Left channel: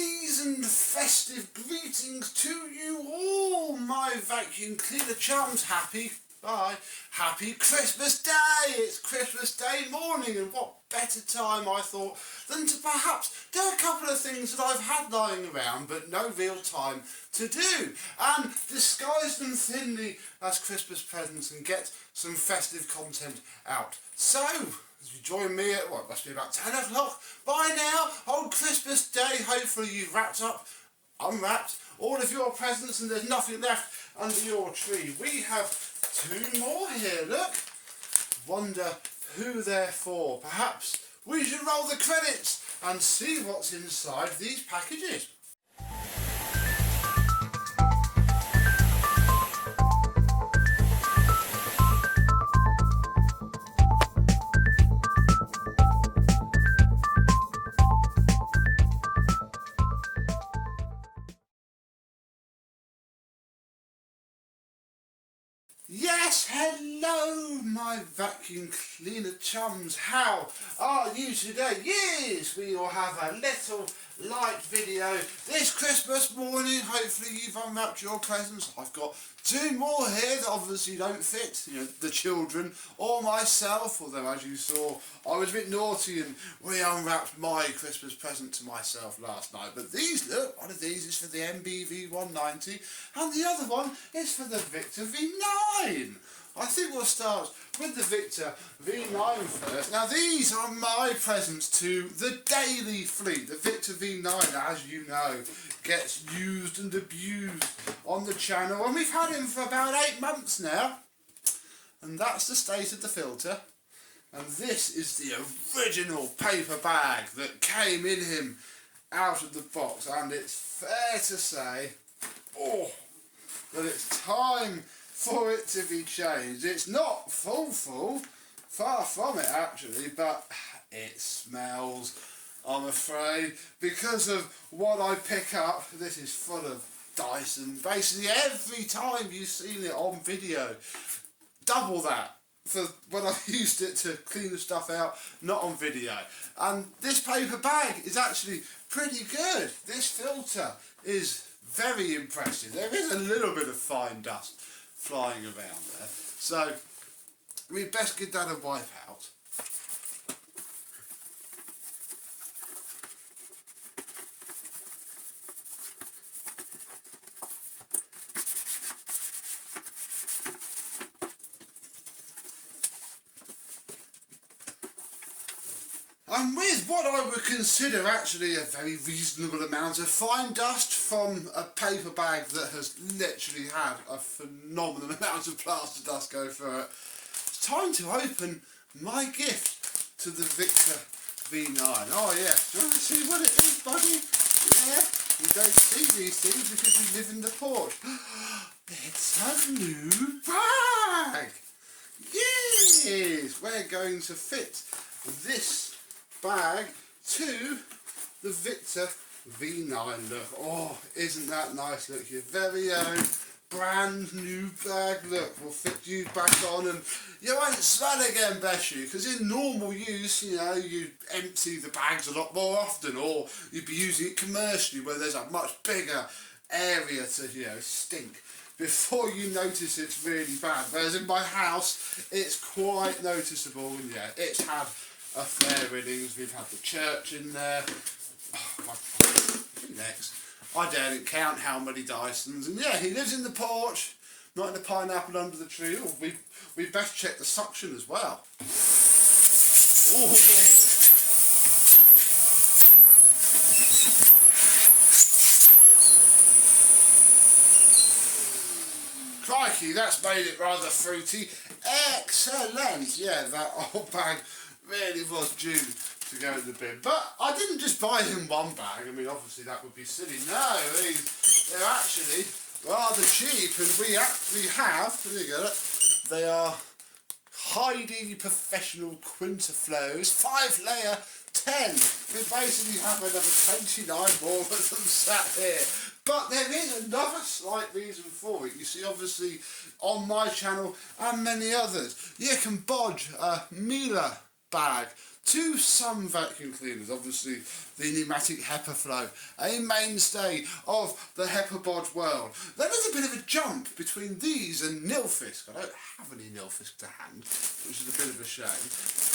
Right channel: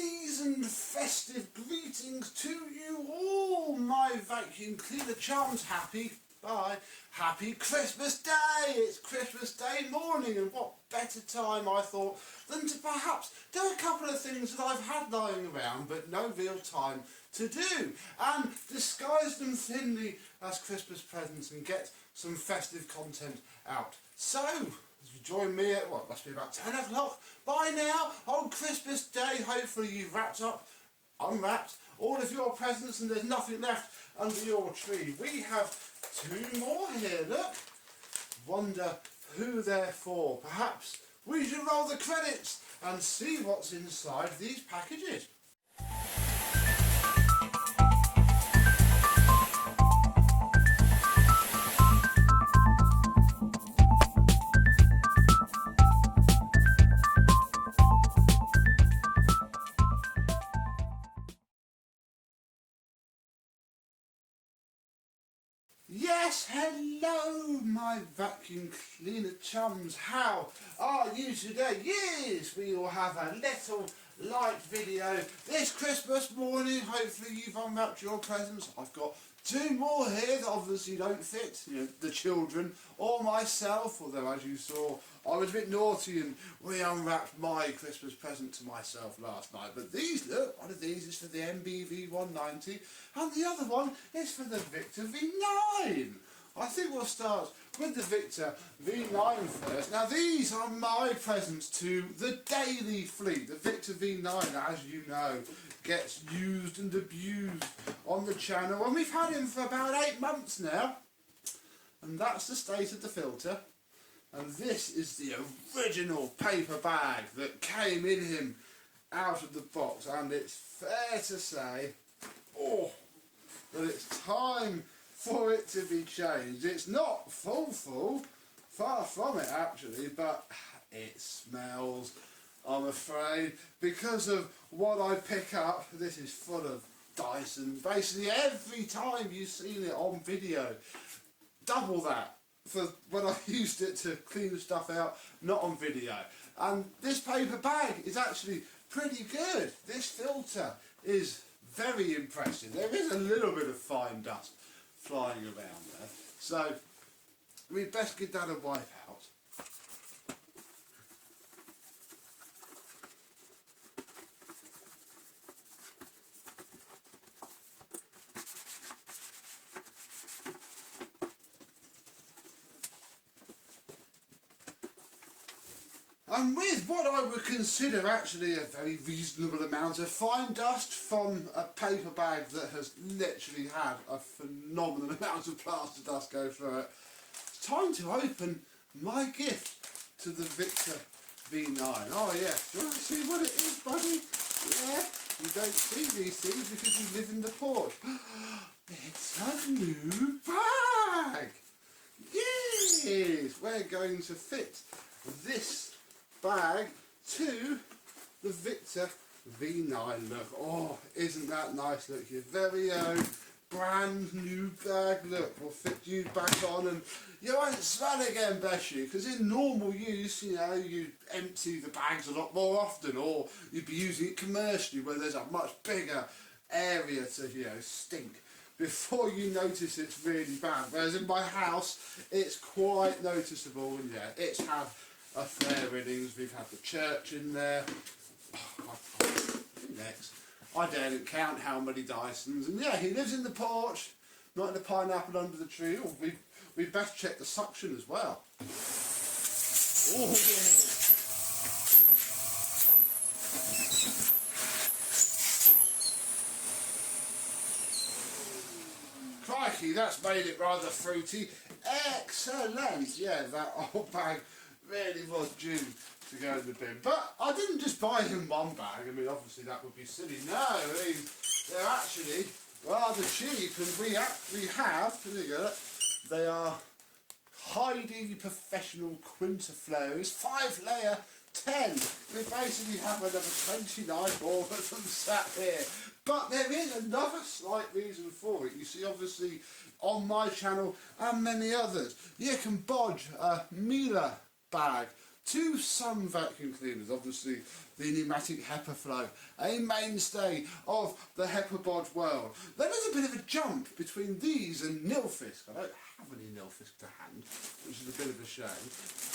seasoned festive greetings to you all, my vacuum cleaner chums. Happy Christmas Day! It's Christmas Day morning, and what better time, I thought, than to perhaps do a couple of things that I've had lying around but no real time to do, and disguise them thinly as Christmas presents and get some festive content out. So, as you join me at, what, must be about 10 o'clock by now, on Christmas Day, hopefully you've unwrapped all of your presents and there's nothing left under your tree. We have two more here, look. Wonder who they're for. Perhaps we should roll the credits and see what's inside these packages. Yes, hello my vacuum cleaner chums, how are you today? Yes, we will have a little light video this Christmas morning. Hopefully you've unwrapped your presents. I've got two more here that obviously don't fit, the children or myself, although as you saw I was a bit naughty and re-unwrapped my Christmas present to myself last night. But these, look, one of these is for the MBV 190 and the other one is for the Victor V9. I think we'll start with the Victor V9 first. Now these are my presents to the daily fleet. The Victor V9, as you know, gets used and abused on the channel, and we've had him for about 8 months now, and that's the state of the filter. And this is the original paper bag that came in him out of the box, and it's fair to say that it's time for it to be changed. It's not full, far from it actually, but it smells, I'm afraid, because of what I pick up. This is full of Dyson. Basically every time you've seen it on video, double that for when I've used it to clean the stuff out, not on video. And this paper bag is actually pretty good. This filter is very impressive. There is a little bit of fine dust flying around there, so we'd best give that a wipe out. And with what I would consider actually a very reasonable amount of fine dust from a paper bag that has literally had a phenomenal amount of plaster dust go through it, it's time to open my gift to the Victor V9. Oh yeah, do you want to see what it is, buddy? Yeah, you don't see these things because you live in the porch. It's a new bag! Yes! We're going to fit this bag to the Victor V9. Look, oh, isn't that nice? Look, your very own brand new bag. Look, we'll fit you back on and you won't smell again, bless you, because in normal use, you empty the bags a lot more often, or you'd be using it commercially where there's a much bigger area to, stink before you notice it's really bad. Whereas in my house, it's quite noticeable, and yeah, it's had a fair innings. We've had the church in there. Next, I daren't count how many Dysons, and yeah, he lives in the porch, not in the pineapple under the tree. Oh, we've best check the suction as well. Oh. Crikey, that's made it rather fruity. Excellent. Yeah, that old bag really was due to go in the bin. But I didn't just buy him one bag. I mean, obviously that would be silly. No, they're actually rather cheap, and we actually have, there you go, they are highly professional Quinterflows 5-layer 10. We basically have another 29 more of them sat here. But there is another slight reason for it. You see, obviously, on my channel and many others, you can bodge a Miele bag to some vacuum cleaners. Obviously, the Numatic HEPA Flow, a mainstay of the HEPA bod world. There is a bit of a jump between these and Nilfisk. I don't have any Nilfisk to hand, which is a bit of a shame.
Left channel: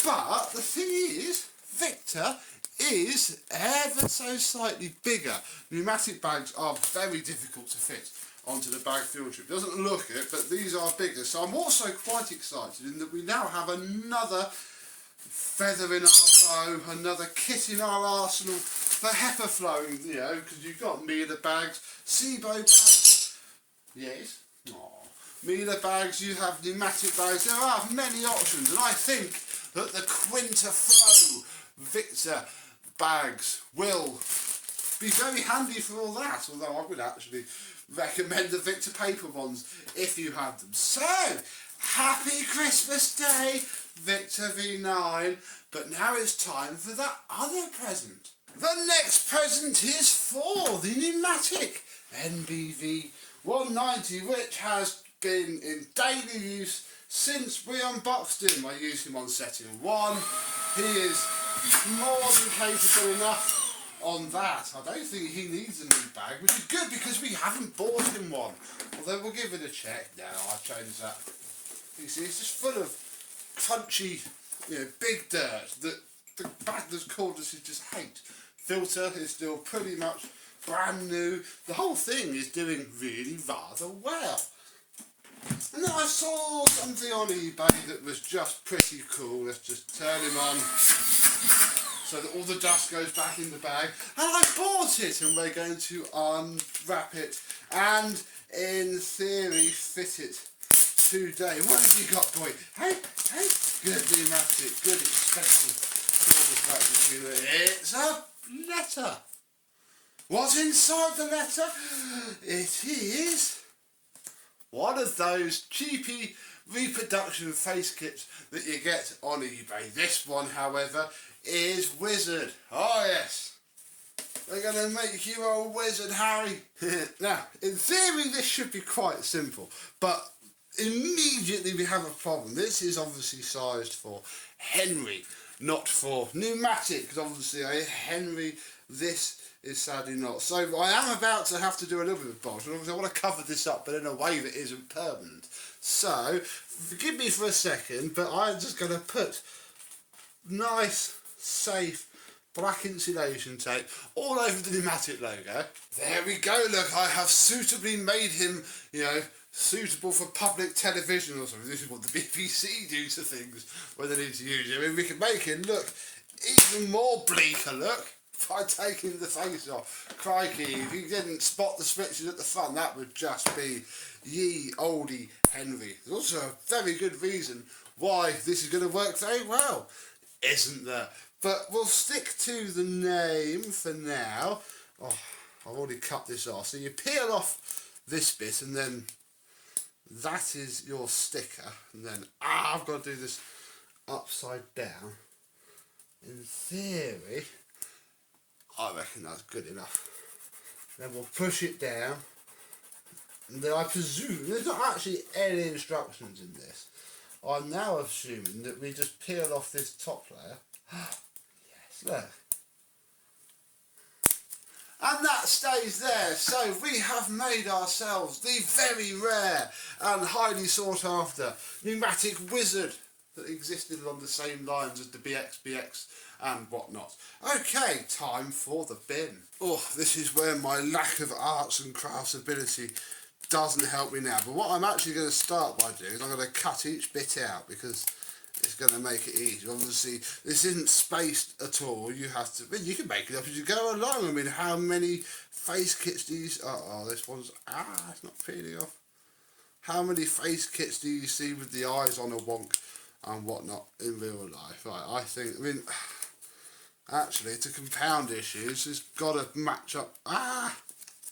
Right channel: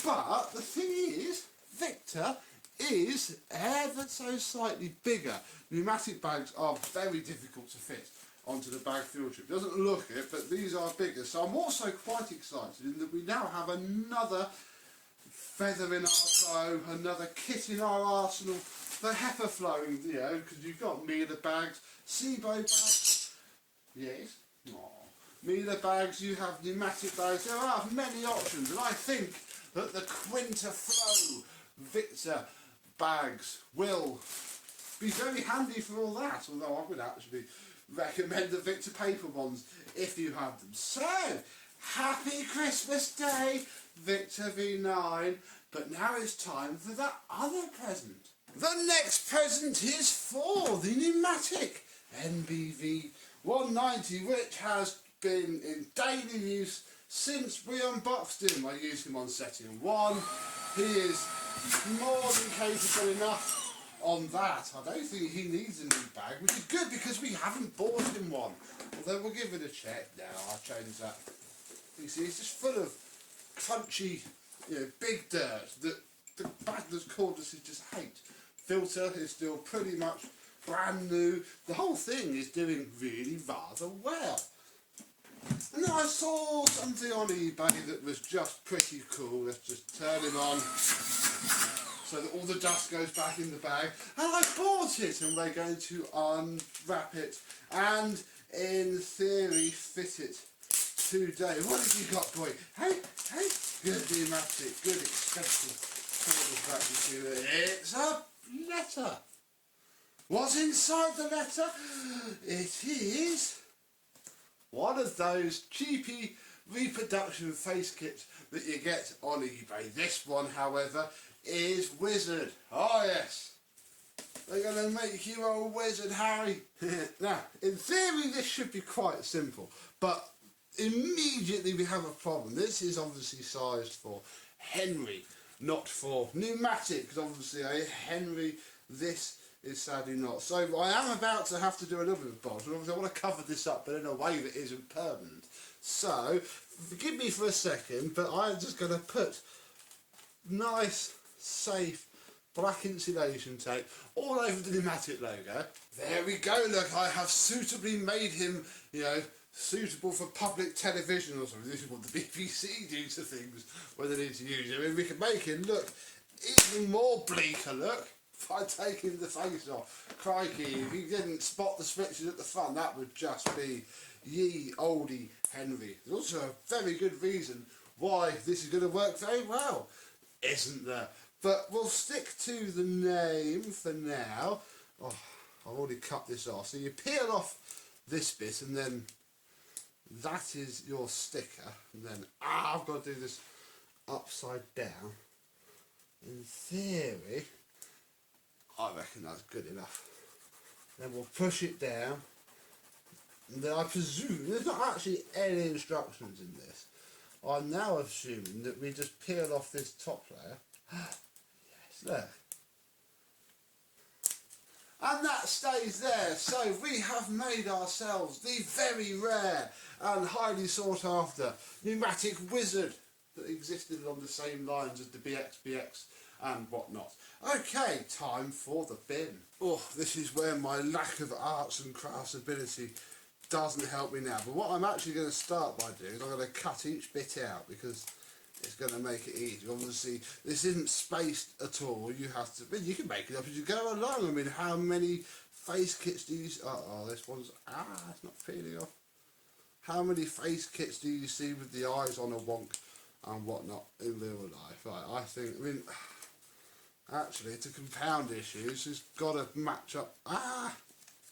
But the thing is, Victor is ever so slightly bigger. Pneumatic bags are very difficult to fit onto the bag filter. It doesn't look it, but these are bigger. So I'm also quite excited in that we now have another feather in our bow, another kit in our arsenal for HEPA flowing, you know, because you've got Miele bags, SIBO bags, yes, Miele bags, you have pneumatic bags, there are many options, and I think that the Quinta Flow Victor bags will be very handy for all that, although I would actually recommend the Victor paper ones if you have them. So, happy Christmas Day, Victor V9, but now it's time for that other present. The next present is for the Numatic NBV 190, which has been in daily use since we unboxed him. I used him on setting 1. He is more than capable enough on that. I don't think he needs a new bag, which is good because we haven't bought him one. Although we'll give it a check. No, I'll change that. You see, it's just full of crunchy, you know, big dirt that the bag that's called us just hate. Filter is still pretty much brand new. The whole thing is doing really rather well. And then I saw something on eBay that was just pretty cool. Let's just turn him on so that all the dust goes back in the bag. And I bought it, and we're going to unwrap it and, in theory, fit it today. What have you got, boy? Hey, good Numatic, good expensive cordless vacuum cleaner. It's a letter. What's inside the letter? It is one of those cheapy reproduction face kits that you get on eBay. This one, however, is Wizard. Oh yes, they're going to make you a wizard, Harry. Now, in theory, this should be quite simple, but immediately we have a problem. This is obviously sized for Henry, not for Numatic, because obviously a Henry, this is sadly not. So I am about to have to do a little bit of bodge, and I want to cover this up, but in a way that isn't permanent. So, forgive me for a second, but I'm just going to put nice, safe, black insulation tape all over the Numatic logo. There we go, look, I have suitably made him, you know, suitable for public television or something. This is what the BBC do to things when they need to use it. I mean, we can make him look even more bleaker, look, by taking the face off. Crikey, if you didn't spot the switches at the front, that would just be ye oldie Henry. There's also a very good reason why this is going to work very well, isn't there? But we'll stick to the name for now. Oh, I've already cut this off. So you peel off this bit, and then that is your sticker. And then, I've got to do this upside down. In theory, I reckon that's good enough. Then we'll push it down. And then I presume there's not actually any instructions in this. I'm now assuming that we just peel off this top layer. Yes, look. And that stays there. So we have made ourselves the very rare and highly sought after Numatic Wizard that existed along the same lines as the BX and whatnot. Okay, time for the bin. Oh, this is where my lack of arts and crafts ability doesn't help me now. But what I'm actually going to start by doing is I'm going to cut each bit out because it's going to make it easier. Obviously, this isn't spaced at all. You have to, well, you can make it up as you go along. I mean, how many face kits do you, this one's, it's not peeling off. How many face kits do you see with the eyes on a wonk and whatnot in real life? Right, I mean, actually, to compound issues, it's got to match up.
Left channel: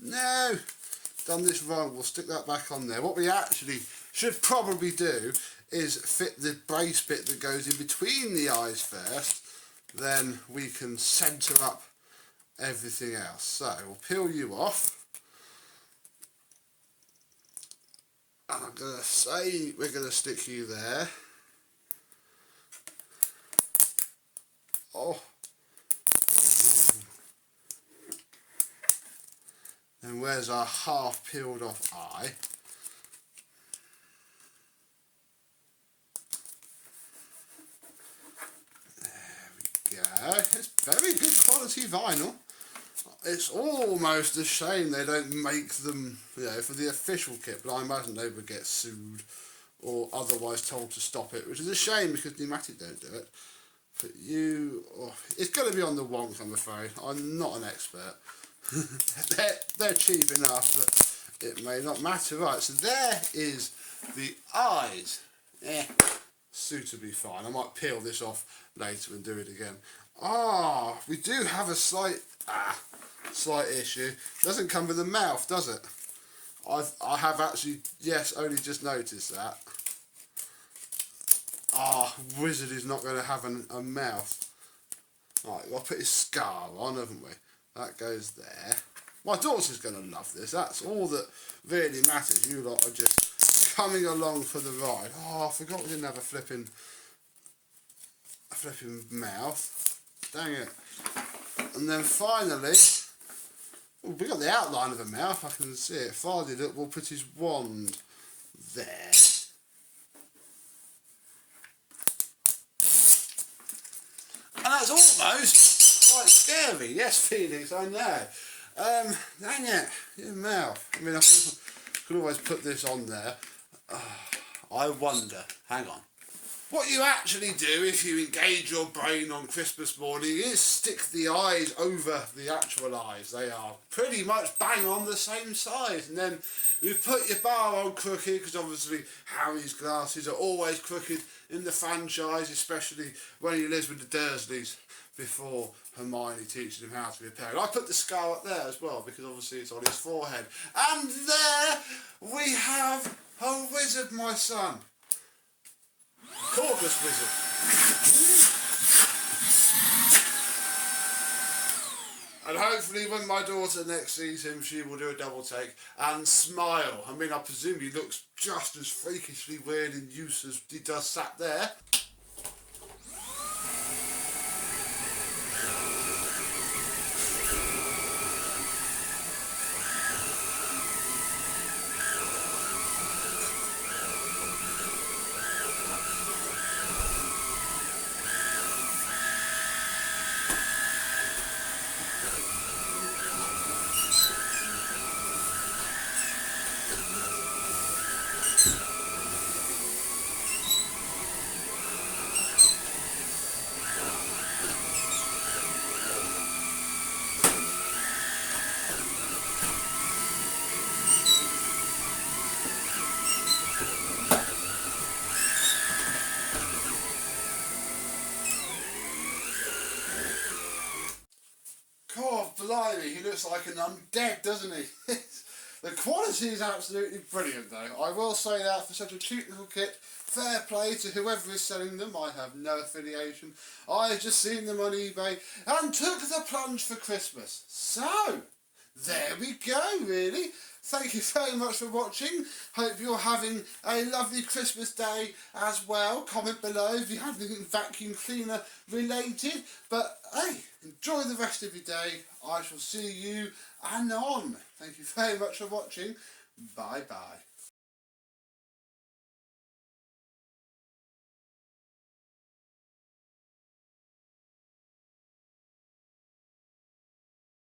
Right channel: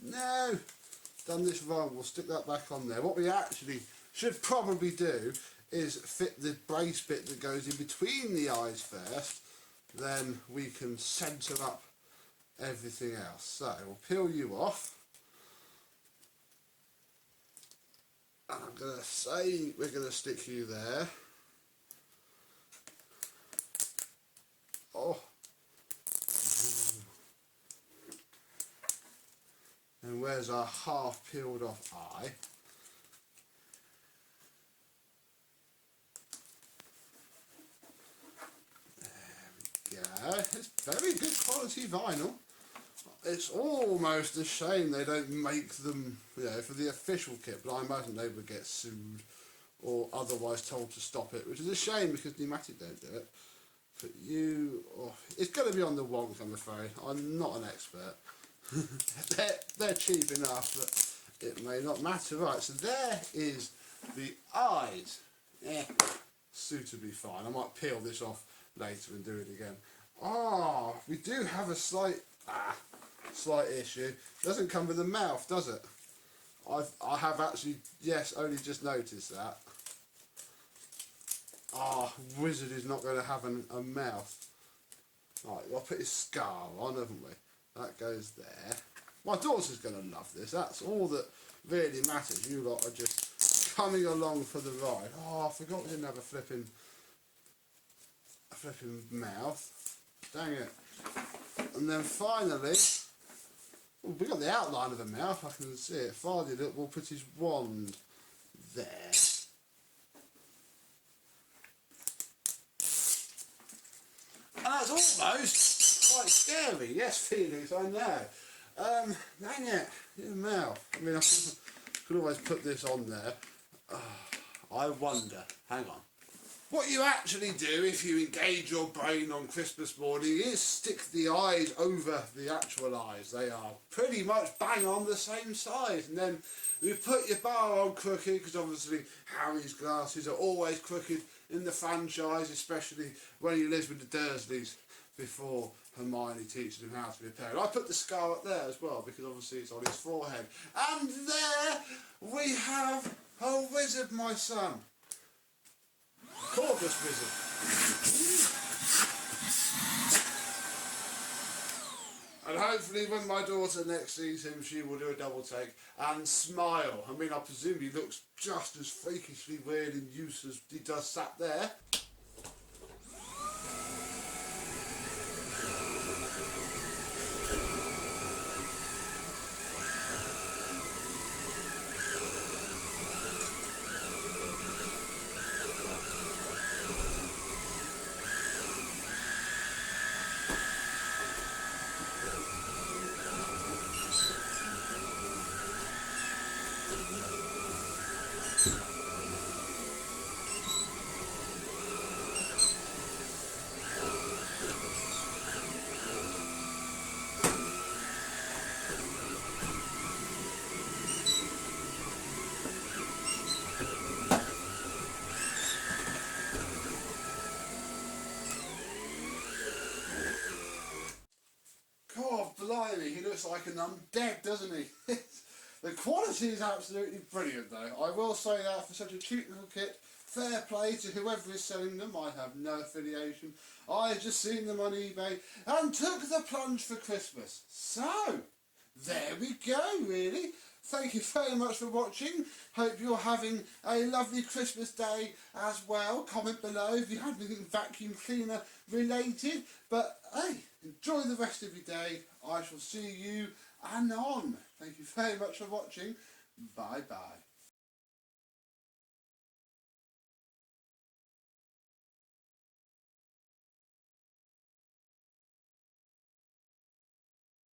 No! Done this wrong. We'll stick that back on there. What we actually should probably do is fit the brace bit that goes in between the eyes first. Then we can centre up everything else. So, we'll peel you off. And I'm going to say we're going to stick you there. Oh. And where's our half peeled off eye? There we go. It's very good quality vinyl. It's almost a shame they don't make them, you know, for the official kit, but I imagine they would get sued or otherwise told to stop it, which is a shame because Numatic don't do it. But it's going to be on the wonks, I'm afraid. I'm not an expert. they're cheap enough that it may not matter. Right, so there is the eyes. Suitably fine. I might peel this off later and do it again. We do have a slight issue. Doesn't come with a mouth, does it? I have actually, yes, only just noticed that. Wizard is not going to have a mouth. Right, we've got to put his scar on, haven't we? That goes there. My daughter's going to love this. That's all that really matters. You lot are just coming along for the ride. I forgot we didn't have a flipping mouth. Dang it. And then finally, we got the outline of a mouth. I can see it. Finally, look, we'll put his wand there. And that's almost quite scary. Yes, Felix, I know. Dang it, your mouth. I mean, I could always put this on there. I wonder, hang on. What you actually do if you engage your brain on Christmas morning is stick the eyes over the actual eyes. They are pretty much bang on the same size. And then you put your bar on crooked, because obviously Harry's glasses are always crooked in the franchise, especially when he lives with the Dursleys before Hermione teaches him how to be a parent. I put the scar up there as well because obviously it's on his forehead. And there we have a wizard, my son. Corvus wizard. And hopefully when my daughter next sees him, she will do a double take and smile. I mean, I presume he looks just as freakishly weird in use as he does sat there. God, blimey, he looks like an undead, doesn't he? The quality is absolutely brilliant, though. I will say that for such a cheap little kit, fair play to whoever is selling them. I have no affiliation. I've just seen them on eBay and took the plunge for Christmas. So, there we go, really. Thank you very much for watching. Hope you're having a lovely Christmas day as well. Comment below if you have anything vacuum cleaner related. But hey, enjoy the rest of your day. I shall see you anon. Thank you very much for watching. Bye bye.